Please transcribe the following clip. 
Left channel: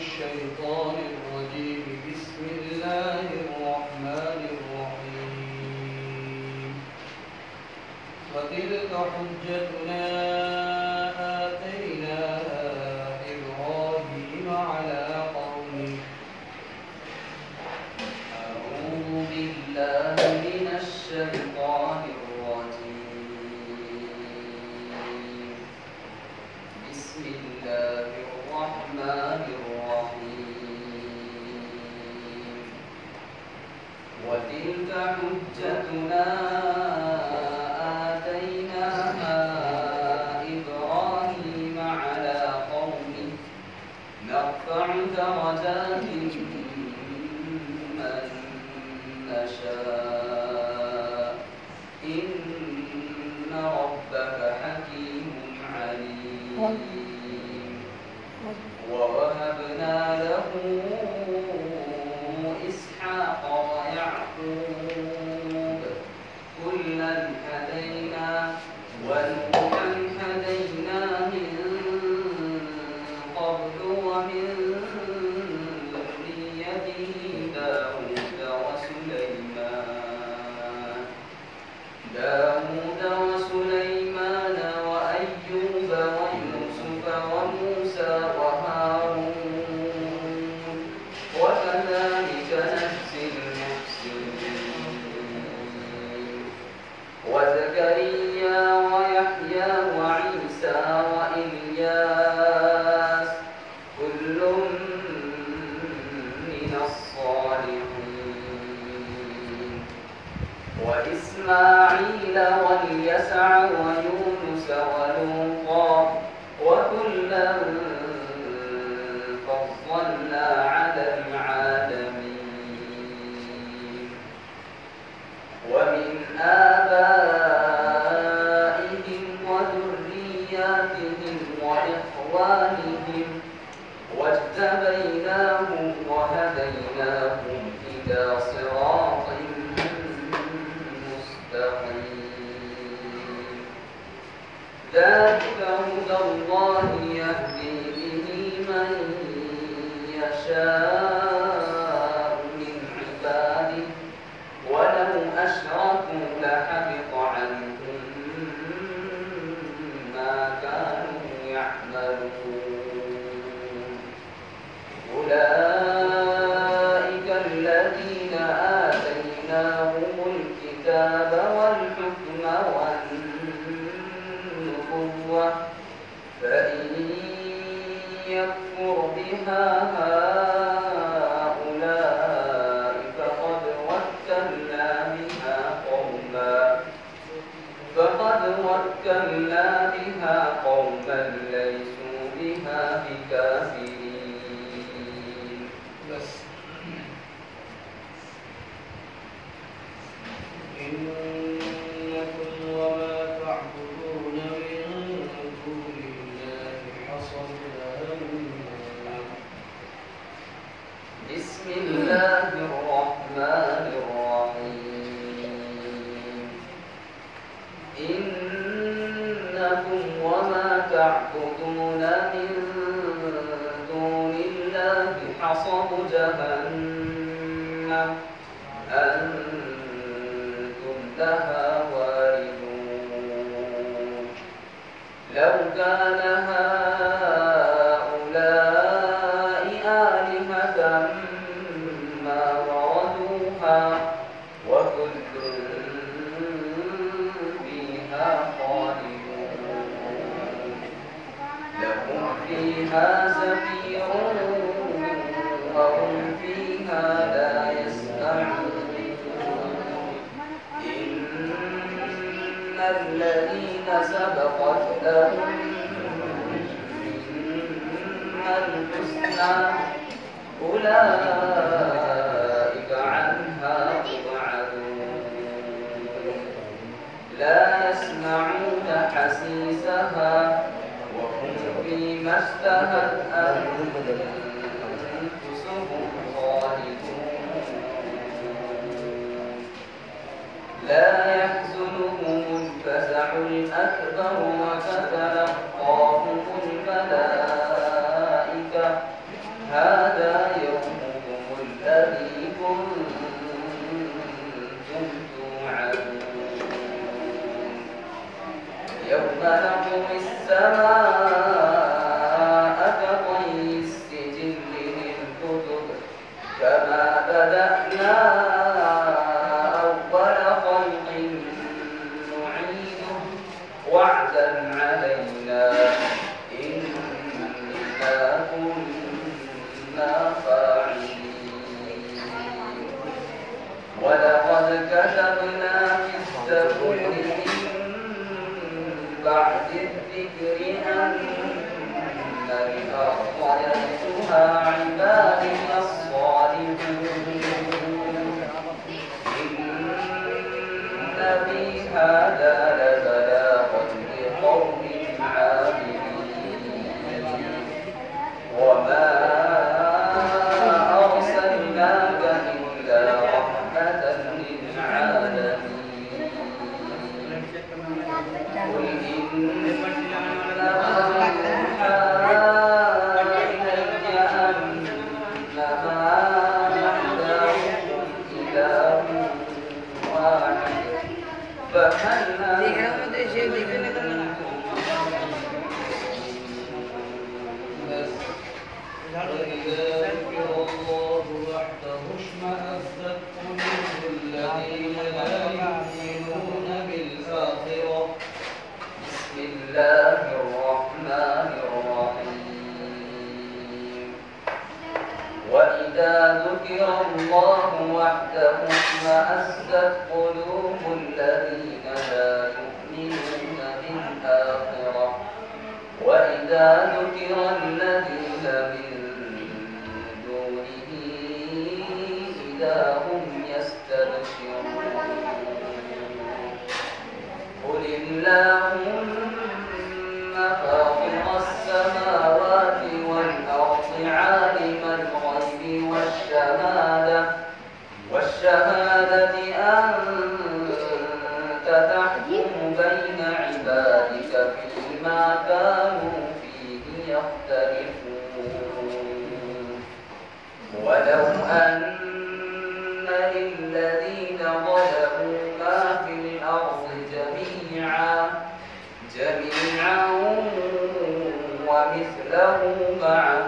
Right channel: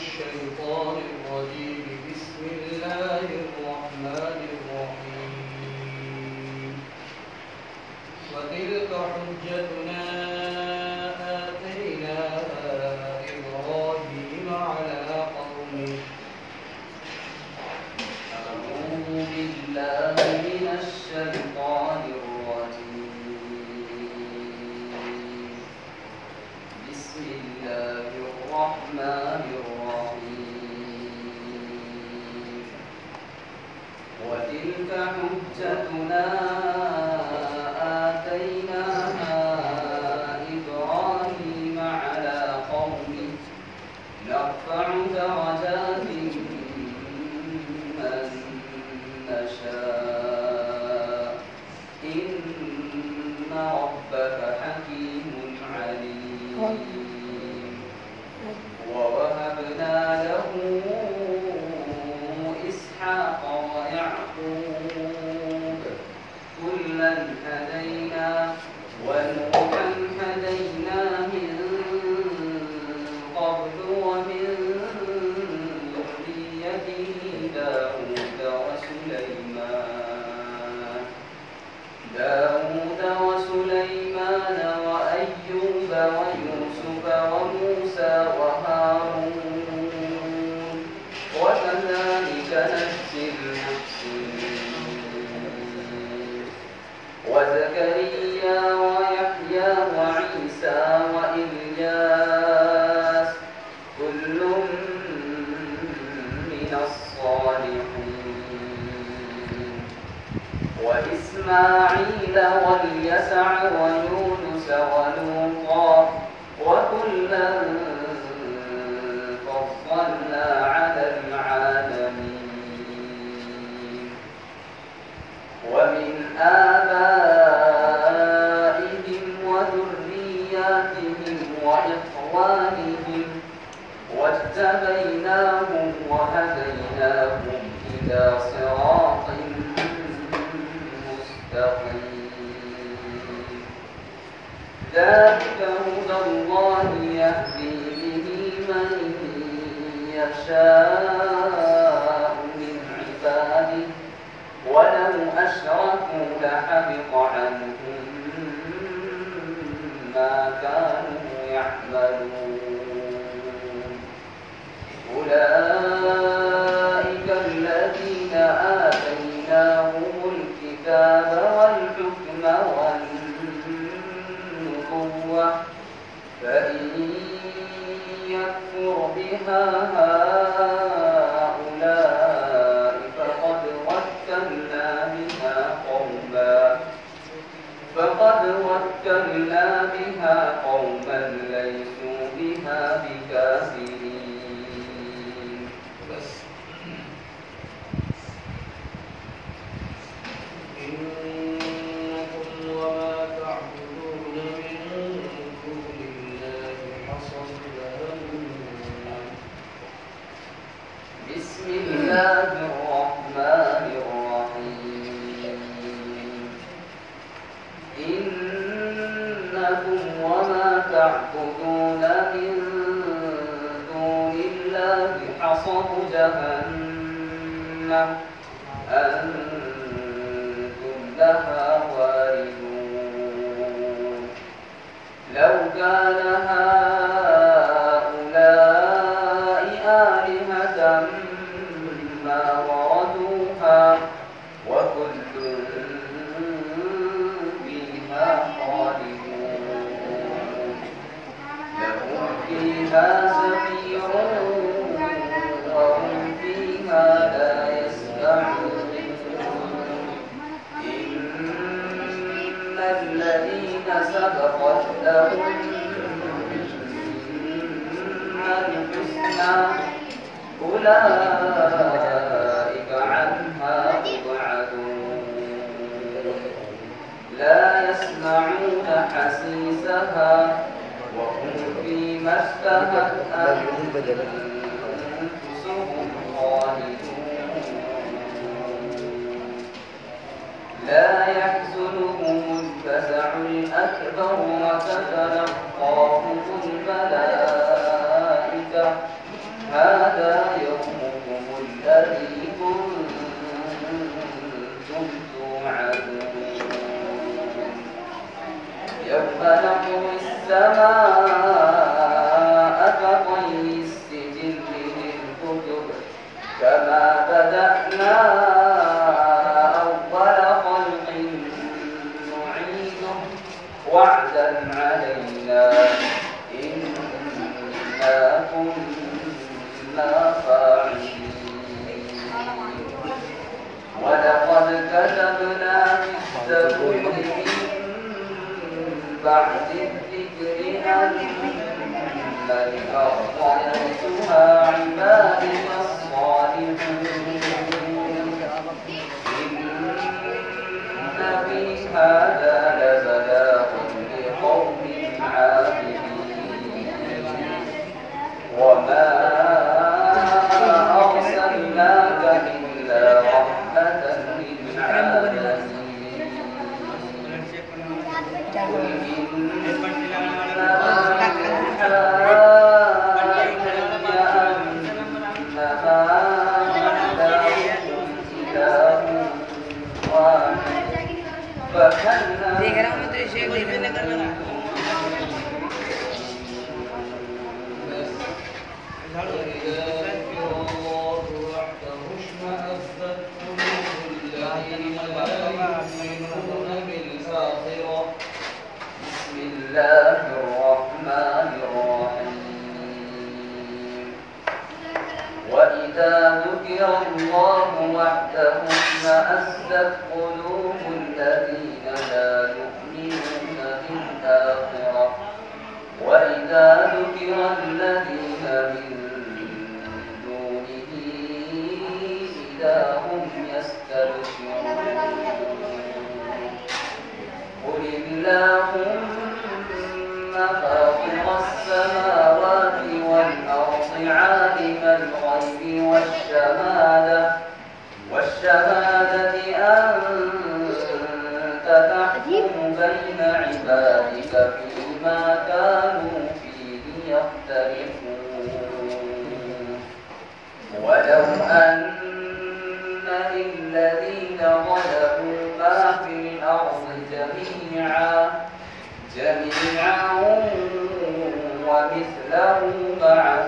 الشيطان الرجيم. بسم الله الرحمن الرحيم. وتلك حجتنا آتيناها إبراهيم على قومه. أعوذ بالله من الشيطان الرجيم. بسم الله الرحمن الرحيم. وتلك حجتنا آتيناها إبراهيم على قومه نرفع درجات من نشاء إن ربك حكيم عليم. ووهبنا له إسحاق ويعقوب كلا هدينا ونوحا هدينا من قبل ومن ذريته داود وسليمان وأيوب ويوسف وموسى وهارون وكذلك نجزي المحسنين. وزكريا ويحيى وعيسى وإلياس كل من الصالحين. وإسماعيل واليسع ويونس ولوطا وكلا فضلنا على العالمين. ومن آبائهم وذرياتهم وإخوانهم واجتبيناهم وهديناهم إلى صراط مستقيم. ذلك هدى الله يهدي به من يشاء من عباده ولو أشركوا لحبط عنهم ما كانوا يعملون. أولئك الذين آتيناهم الكتاب والحكم والنبوة فإن يكفر بها هؤلاء فقد وكلنا بها قوما ليسوا بها بكافرين. بس إنكم وما تعبدون من دون الله حصب جهنم. بسم الله الرحمن الرحيم. إنكم وما تعبدون من دون الله حصب جهنم أنتم لها واردون. لو كان هؤلاء آلهة ما وردوها وكل فيها خالدون. لهم فيها زفير وهم فيها لا يسمعون. إن الذين سبقت لهم منا الحسنى أولئك عنها مبعدون. لا يسمعون حسيسها وهم فيما اشتهت أنفسهم خالدون. لا يحزنهم الفزع الأكبر وتتلقاهم الملائكة هذا يوم نطوي السماء كطي السجل للكتب كما بدأنا أول خلق نعيده وعدا علينا إنا كنا فاعلين ولقد كتبنا في الزبور بعد الذكر أن الأرض يرثها عبادي الصالحون إن في هذا لبلاغا لقوم عابدين وما أرسلناك إلا رحمة للعالمين قل إنما يوحى إلي أنما إلهكم إله واحد فهل الله الرحمن الرحيم وإذا ذكر الله وحده اشمأزت قلوب الذين لا يؤمنون بالآخرة وإذا ذكر الذين من دونه إذا هم يستبشرون قل اللهم فاطر السماوات والأرض عالم الغيب والشهادة أنت تحكم بين عبادك فيما كانوا فيه يختلفون ولو أن للذين ظلموا ما في الأرض جميعا ومثله معه